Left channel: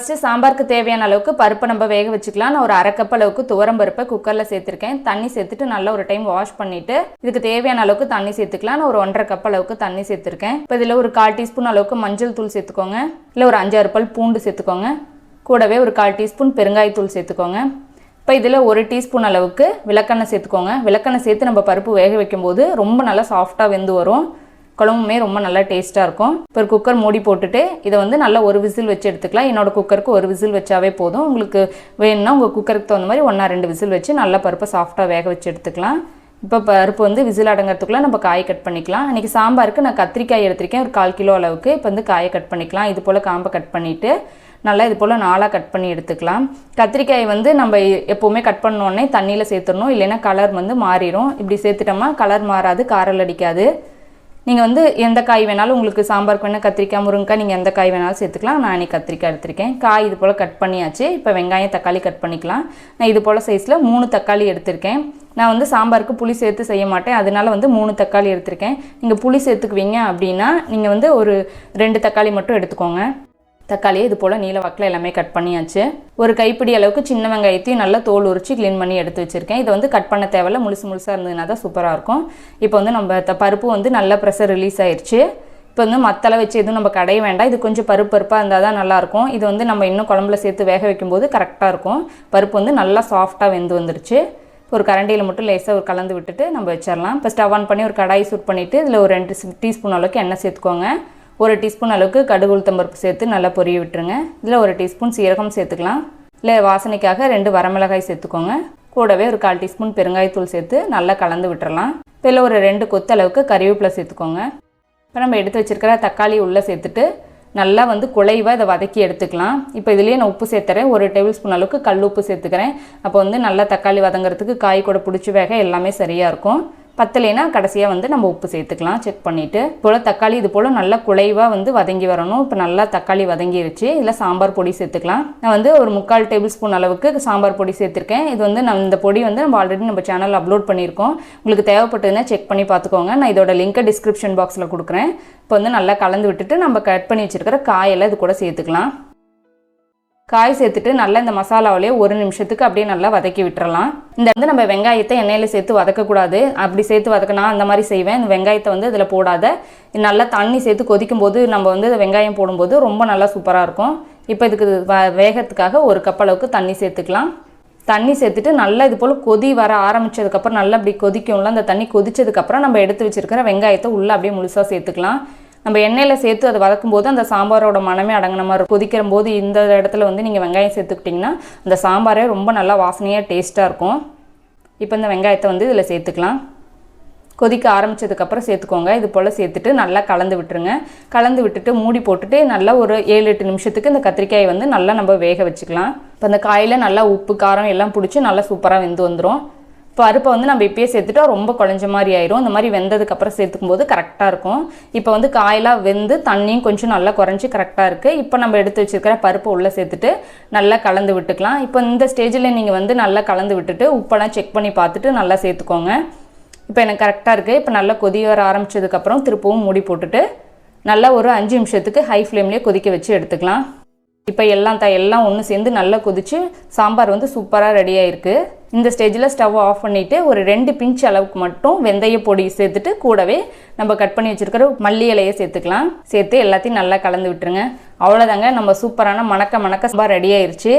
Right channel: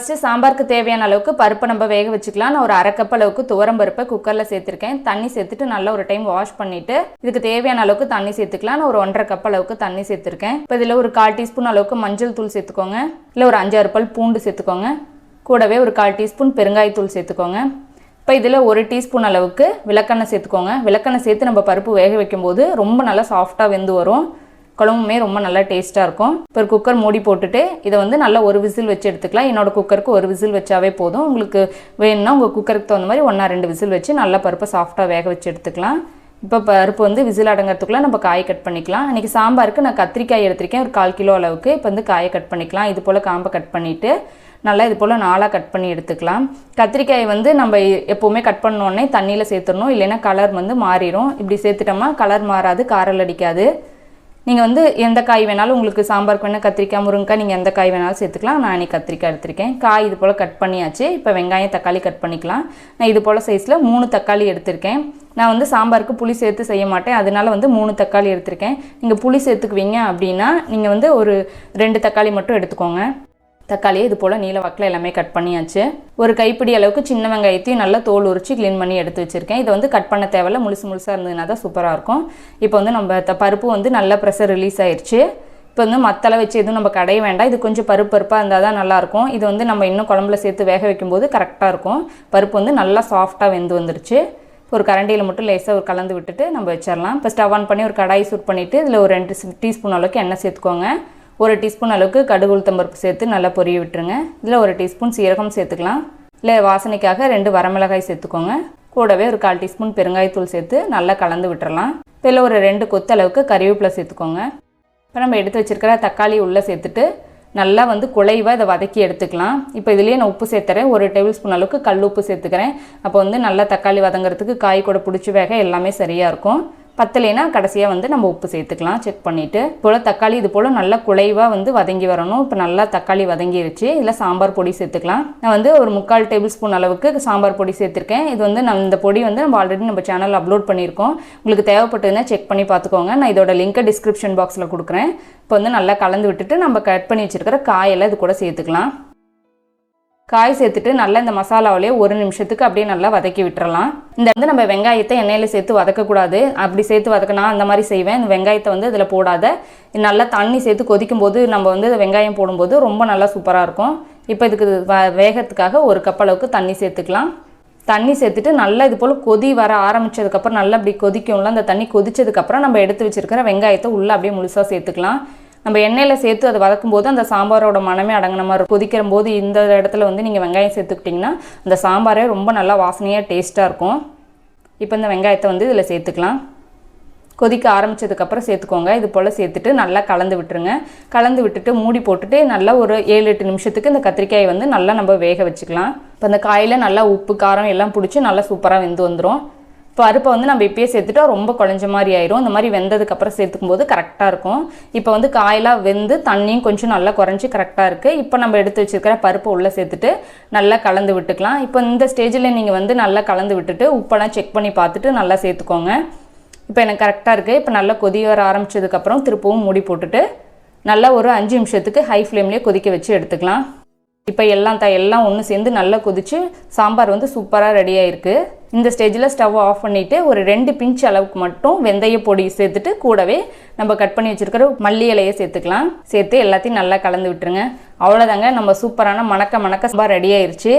First சாம்பாருக்கு தேவையான அளவுக்கு பருப்பை நம்ம வேக வச்சுக்கலாம். நான் ஒரு அரை கப் அளவுக்கு துவரம் பருப்பை குக்கரில் சேர்த்துருக்கேன். தண்ணி சேர்த்துட்டு நல்ல ஒரு டைம் வாஷ் பண்ணிவிட்டு இதுக்கு தேவையான அளவுக்கு தண்ணி சேர்த்துக்கலாம். ஒரு 1.5 கப் அளவுக்கு தண்ணி சேர்த்துருக்கேன். இப்போ இதில் ஒரு 1/4 டீஸ்பூன் அளவுக்கு மஞ்சள் தூள் சேர்த்துக்கோங்க. இல்லை ஒரு 5-6 பல் பூண்டு சேர்த்துக்கோங்க. கூடவே ஒரு 1/4 டீஸ்பூன் பெருங்காயத்தூள் சேர்த்துக்கோங்க. இப்போ இதில் 1 டீஸ்பூன் அளவுக்கு விளக்கெண்ணெய் சேர்த்துக்கோங்க. விளக்கெண்ணெய் சேர்த்து நம்ம பருப்பு வேக வைக்கும்போது ரொம்ப நல்லா சாஃப்டாக வெந்து வரும். குழம்புமே ரொம்ப நல்லா டேஸ்ட்டாக இருக்கும். இப்போ குக்கர் மூடி போட்டுட்டு இதை வந்து நல்லா ஒரு விசில் வச்சு எடுத்துக்கலாம். என்னோடய குக்கருக்கு ஒரு விசில் வச்சாவே போதும். உங்களுக்கு வேணும்னா உங்கள் குக்கருக்கு தகுந்த மாதிரி 1-2 விசில் வச்சு நல்லா பருப்பை சாஃப்டாக வேக வச்சு எடுத்துக்கலாம். இப்போ பருப்பு வந்து விசில் அடங்கிறதுக்குலாம் நம்ம காயை கட் பண்ணிக்கலாம். இன்றைக்கி சாம்பாருக்கு நான் கத்திரிக்காய் எடுத்திருக்கேன், ஒரு 1/4 கிலோ அளவுக்கு. இப்போ வந்து காயை கட் பண்ணிக்கலாம். இது போல் காம்பை கட் பண்ணிவிட்டு நல்லா இது போல் 4ஆக கட் பண்ணி எடுத்துக்கலாம். கத்திரிக்காயை வந்து நம்ம எப்போவுமே கட் பண்ணோடனே தண்ணியில் சேர்த்துடணும், இல்லைன்னா கலர் வந்து மாறிடும். இப்படி சேர்த்துட்டோமா கலர் மாறாது, காரல் அடிக்காது. நீங்கள் வந்து எந்த காய் வேணாலும், உங்களுக்கு சாம்பாருக்கு வேணால் கத்திரிக்காய், முருங்கைக்காய், நீங்கள் எந்த காய் வேணாலும் சேர்த்துக்கலாம். நான் இன்றைக்கி கத்திரிக்காய் எடுத்திருக்கேன். காய் இது போல் கட் பண்ணியாச்சு. இப்போ வெங்காயம் தக்காளி கட் பண்ணிக்கலாம். நான் இது போல் சைஸில் 3 தக்காளி எடுத்திருக்கேன். நான் வந்து சாம்பாருக்கு புளி சேர்த்து செய்ய மாட்டேன், அதனால வந்து 3 தக்காளி எடுத்திருக்கேன். நீங்கள் புளி சேர்த்துக்குவீங்க அப்படின்னா நீங்கள் வந்து ஒரு 2 தக்காளி மட்டும் எடுத்துக்கோங்க. தக்காளியை இது போல் நீல வாக்கில் எல்லாமே கட் பண்ணியாச்சு. ஒரு கைப்பிடி அளவுக்கு சின்ன வெங்காயத்தையும் நல்லா தோல் உரித்து க்ளீன் பண்ணி எடுத்து வச்சுருக்கேன். இதை வந்து கட் பண்ண தேவையில்ல, முழுசாக இருந்ததுனா தான் சூப்பராக இருக்கும். இப்போ வந்து நம்ம பருப்பு வந்து நல்லா ப்ரெஷர் ரிலீஸ் ஆயிடுச்சு. இப்போ வந்து மத்தளை வச்சு எதுவும் நம்ம கடைய வேண்டாம். இது கொஞ்சம் பருப்பாக இருந்தால் தான் நல்லாயிருக்கும். இது வந்து நம்ம இன்னும் குழம்புல சேர்த்து வேக வைக்கும்போது கரெக்டாக இருக்கும். பருப்பு வந்து நல்லா சாஃப்டாக வெந்து வந்துருச்சு. ஒரு கரண்டியில் மட்டும் லேசாக கலந்து விட்டுட்டு நம்ம வச்சிடலாம். இப்போ ஸ்டவ் ஆன் பண்ணி ஒரு கடாய் சூட் பண்ணிவிட்டு இதில் ஒரு 2 டீஸ்பூன் அளவுக்கு எண்ணெய் சேர்த்துக்கோங்க. 1 டீஸ்பூன் அளவுக்கு கடுகு உளுத்தம் பருப்பு சேர்த்து நல்லா பொரிய விட்டுருங்க. இதில் 1 டீஸ்பூன் சீரகம் சேர்த்துக்கலாம். இல்லை வாசனைக்காக 2 வரமிளகாய் சேர்த்துக்கோங்க. கூடவே ஒரு 1/4 டீஸ்பூன் பெருங்காயத்தூள் சேர்த்து நல்லா கலந்து விட்டுறலாம். இதில் ஒரு 2 கொத்து அளவுக்கு கறிவேப்பிலை சேர்த்துக்கோங்க. இப்போ நம்ம எடுத்து வச்சுருக்கிற தக்காளி உள்ளே சேர்த்துட்டு நல்லா வந்து குழைவாக இதை வதக்கி எடுத்துக்கலாம். இப்போ இதுலேயே நான் உப்பு சேர்த்துறேன். 1 டேபிள் ஸ்பூன் அளவுக்கு கல் உப்பு சேர்த்துக்கிறேன். அப்போ வந்து நல்லா தக்காளி வதங்கிறதுக்கு காய் கூட பிடிச்சி வேக எல்லாமே சரியாக இருக்கும். பத்தலைனா கடைசியாக வந்து நம்ம உப்பு சேர்த்துக்கலாம், செக் பண்ணிவிட்டு. போல் தக்காளி இது போல் நல்லா குழைவாக வந்து வதங்கி வரணும். இப்போ நல்லா தக்காளி வதங்கிருச்சு. இதில் சாம்பார் பொடி சேர்த்துக்கலாம். நான் வந்து ஒரு 3/4 டேபிள் ஸ்பூன் அளவுக்கு சாம்பார் பொடி சேர்த்துருக்கேன். இது வந்து இந்த பொடி வந்து நம்ம ஆல்ரெடி நம்ம சேனலில் அப்லோட் பண்ணியிருக்கோம். உங்களுக்கு தேவைப்பட்டதுன்னா செக் பண்ணி பார்த்துக்கோங்க. நான் இதோட லிங்கை டிஸ்கிரிப்ஷன் பாக்ஸில் கொடுக்குறேன். இப்போ வந்து நல்லா கலந்து விட்டுட்டு நம்ம கட் பண்ணி வச்சுருக்கிற காயெல்லாம் இது கூட சேர்த்துக்கலாம். காய் சேர்த்துட்டு நல்லா இந்த மசாலாவிலேயே 1 நிமிஷத்துக்கு அப்படியே நல்லா வதக்கி விட்டுறலாம். இந்த வந்து நம்ம வெங்காயத்தை எண்ணெயில் சேர்த்து வதக்கக்கூடாது. அப்படி சேர்த்து வதக்கினா அந்த மாதிரி செய்வேன். இந்த வெங்காயத்தை வந்து இதில் போடாத, நல்லா தண்ணி சேர்த்து கொதிக்கும் போது நம்ம வந்து வெங்காயம் போடும்போது ரொம்ப நல்லா சூப்பராக இருக்கும். இப்போ இதுக்கு வேகத்துக்காக 1 கப் அளவுக்கு தண்ணி சேர்த்துக்கலாம். தண்ணி சேர்த்துட்டு நல்லா இது போல் கொதி வர ஆரம்பித்ததுக்கப்புறம் நல்லா அப்படி கொதிக்கும்ல, அந்த தண்ணி கொதிச்சதுக்கப்புறம் நம்ம எடுத்து வச்சுருக்கிற வெங்காயத்தை உள்ளே அப்படியே முழுசாக சேர்த்துக்கலாம். நம்ம எண்ணெயில் சேர்த்து அதை வதக்கும் போது அந்த சாம்பாரோட மனமே அடங்கின மாதிரி இருக்கும். கொதிக்கிற போது இந்த இடத்துல வந்து நீங்கள் வெங்காயம் சேர்த்துக்கிட்டிங்கன்னா இந்த சாம்பாரே ரொம்ப நல்லா வாசனையாக டேஸ்ட்டாக இருக்கும். இப்போ இந்த வெங்காயத்தை வந்து இதில் சேர்த்துக்கலாம். கொதிக்க ஆரம்பித்ததுக்கப்புறம் சேர்த்துக்கோங்க. இது போல் சேர்த்துட்டு நல்லா கலந்து விட்டுருங்க. கலந்து விட்டுட்டு மூடி போட்டுட்டு நல்லா ஒரு 7-8 நிமிஷத்துக்கு இந்த கத்திரிக்காயை வந்து நல்லா நம்ம வேக வச்சுக்கலாம். இப்போ அந்த காயில் நல்லா உப்பு காரம் எல்லாம் பிடிச்சி நல்லா சூப்பராக வெந்து வந்துடும். பருப்பை வந்து நம்ம இப்போயே சேர்த்துட்டா ரொம்ப குழஞ்ச மாதிரி ஆயிரும். அந்த மாதிரி வெந்ததுக்கப்புறம் சேர்த்துக்கும் போது கரெக்டாக இருக்கும். இப்போ வந்து காயெல்லாம் வெந்து தண்ணியும் கொஞ்சம் நல்லா குறைஞ்சி கரெக்டாக இருக்குது. இப்போ நம்ம எடுத்து வச்சுருக்கிற பருப்பை உள்ளே சேர்த்துட்டு நல்லா கலந்து விட்டுக்கலாம். இப்போ இந்த ஸ்டேஜில் நீங்கள் வந்து நல்லா கலந்து விட்டுட்டு உப்பெல்லாம் செக் பண்ணி பார்த்துட்டு நல்லா சேர்த்துக்கோங்க. இப்போ எனக்கு கரெக்டாக இருக்குது. இப்போ நல்லா கொதி வர ஆரம்பித்ததுக்கப்புறம் திருப்பவும் மூடி போட்டுட்டு நல்லா ஒரு 5 நிமிஷத்துக்கு ஹை ஃப்ளேம்லேயே கொதிக்க வச்சு எடுத்துக்கலாம். இப்போ எல்லாம் ஒன்று சேர்ந்து நல்லா கொதிச்சு சாம்பார் வந்து சூப்பராக ரெடி ஆகிருக்கு. இந்த ஸ்டேஜில் ஸ்டவ் ஆஃப் பண்ணிவிட்டு ஒரு 2 பிஞ்ச் அளவுக்கு மட்டும் வெந்தய பொடி சேர்த்துட்டு கூடவே நம்ம கட் பண்ணி வச்சுருக்கிற மல்லி இலையை சேர்த்துக்கலாம். சேர்த்து எல்லாத்தையும் நல்லா கலந்து விட்டுருங்க. அவ்வளோதாங்க, நம்ம சூப்பரான மணக்க சாம்பார் ரெடி ஆயிடுச்சு.